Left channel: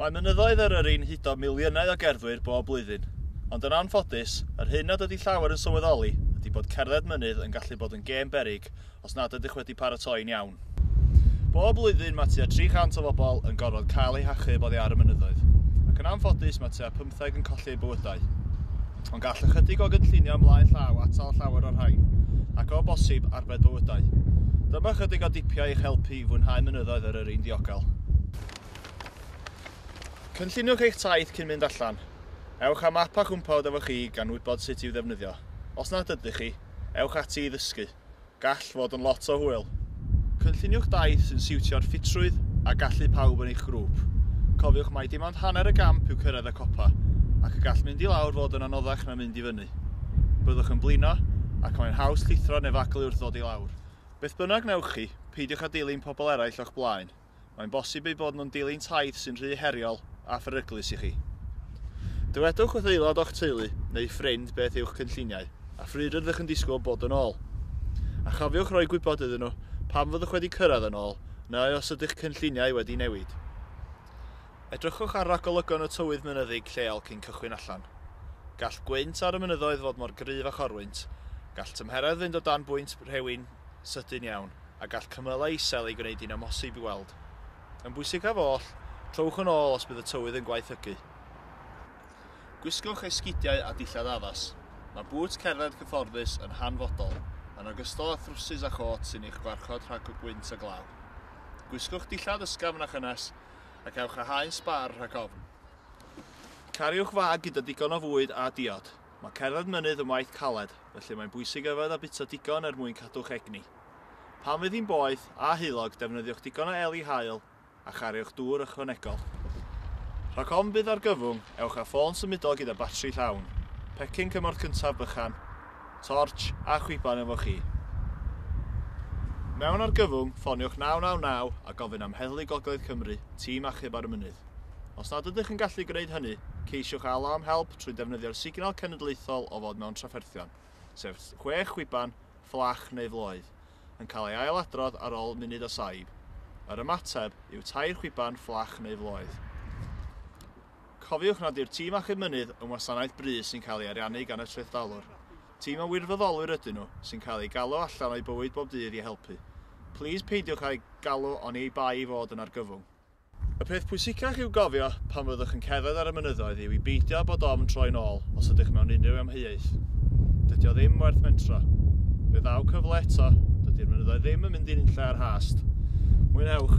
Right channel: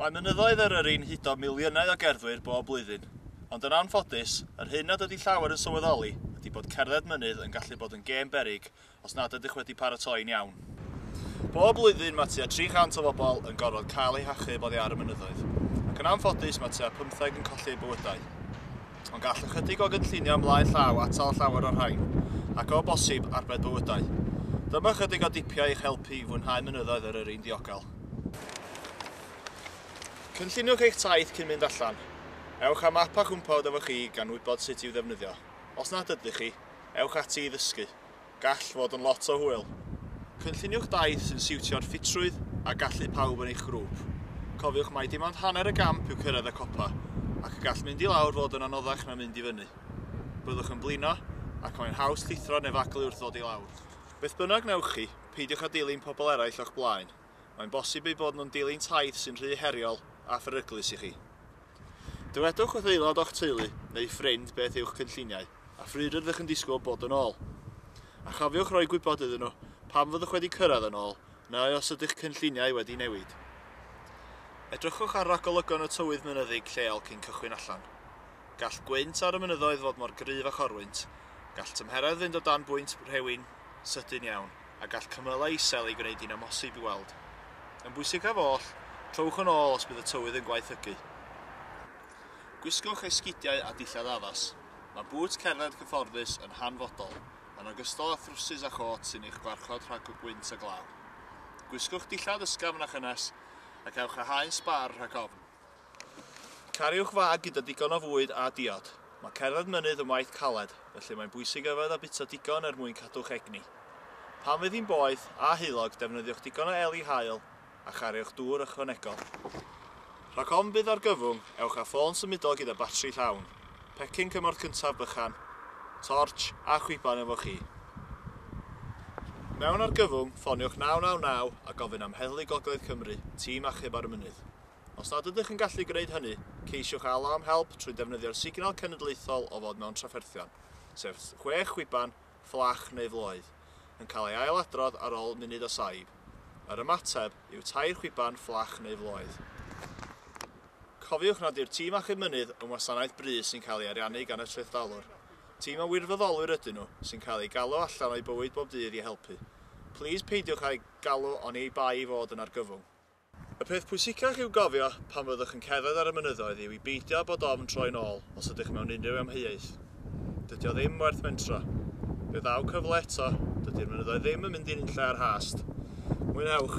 Mae mynyddoedd Eryri'n hudo miliynau o gerddwyr bob blwyddyn, ond yn anffodus, yr hyn nad ydy llawer yn sylweddoli ydy bod cerdded mynydd yn gallu bod yn gêm beryg os nad ydych wedi paratoi'n iawn. Bob blwyddyn mae tua 300 o bobl yn gorfod cael eu hachub oddi ar y mynyddoedd, ac yn anffodus mae tua 15 yn colli eu bywydau. Ond gall ychydig o gynllunio ymlaen llaw atal llawer o'r rhain, ac o bosib arbed bywydau. Dyma ychydig o dipiau eich helpu i fwynhau mynyddoedd Eryri'n ddiogel. Cynlluniwch eich taith cyn mynd allan. Ewch am map a chwmpawd efo chi gan wybod sut i'w ddefnyddio. Os nad ydych chi, ewch ati i ddysgu. Gall fod yn lot o hwyl. Cynlluniwch daith sy'n siwtio'r ffitrwydd a gallu pawb yn eich grŵp. Cofiwch mai dim ond hanner y gamp yw cyrraedd y copa, ac y gall mynd i lawr fod yn anoddach na mynd i fyny. Byddwch yn blino, ac mae'n haws llithro neu faglu wrth ddod i lawr. Beth bynnag newch chi, peidiwch â dilyn pobl eraill o'ch blaen. Mae'n bosib ei bod nhw'n dilyn taith sy'n rhy heriol a pheryglus i chi. Dywedwch wrth aelod o'ch teulu neu ffrind beth yw'ch cynlluniau, a phryd ydych yn disgwyl bod yn ôl. A chofiwch roi gwybod iddyn nhw pam fyddwch wedi cyrraedd yn ôl, neu os ydych cynlluniau wedi newid. Edrychwch ar ragolygon y tywydd mynyddig lleol cyn cychwyn allan. Gall gwynt ar y mynyddoedd fod mor gryf a chorwynt, gall tymheredd fynd o dan bwynt rhewyn sydyn iawn, a gall cymylau isel ei gwneud i'n amhosib i weld. Yn bwysig af oll, trowch yn ôl os bydd y tywydd yn gwaethygu. Gwisgwch esgidiau a dillad addas. Mae bŵt cerdded cyfforddus yn hanfodol, yn ogystal â thrwsys a chot sy'n eich gwarchod rhag o gwynt a glaw. Gwisgwch dillad ysgafn a chynnes, ac ewch â haen sbar rhag ofn. Cariwch fag gyda digon o fwyd a diod. Mae cerdded mynydd yn waith caled, felly mae'n bwysig yfed a bita digon mwyn cadw'ch egni. Pan fydd hi'n boeth a heulog, defnyddiwch digon o eli haul a chariwch dŵr ychwanegol. Rhag ofn bydd ar gyfwng, ewch â ffôn symudol gyda batri llawn, pecyn cymorth cyntaf bychan, torch a chwiban efo chi. Mewn ar gyfwng, ffoniwch 999 a gofyn am heddlu Gogledd Cymru, tîm achub ar y mynydd. Os nad ydych yn gallu gwneud hynny, ceisiwch alw am help trwy defnyddio'r signal cenedlaethol o fod mewn trafferthion, sef 6 chwiban, fflach neu floedd, yn cael ei ailadrodd ar ôl munud o saib. Yr ymateb yw 2 chwiban, fflach neu floedd. Cofiwch nad yw'r tîm achub mynydd yn wasanaeth brys sy'n cael ei ariannu gan y trethdalwr. Tîm o wirfoddolwyr ydyn nhw sy'n cael ei galw allan o'i bywyd bob dydd i helpu. Plis peidiwch â'i galw oni ei bai i fod yn argyfwng. Y peth pwysicach i'w gofio pan fyddwch yn cerdded ar y mynyddoedd yw i beidio bod ofn troi'n ôl os ydych mewn unrhyw amheuaeth. Dydy o ddim werth mentro. Bydd ddaw cyfle eto, dydy'r mynyddoedd ddim yn mynd i'n lle ar hast. Mwynhewch!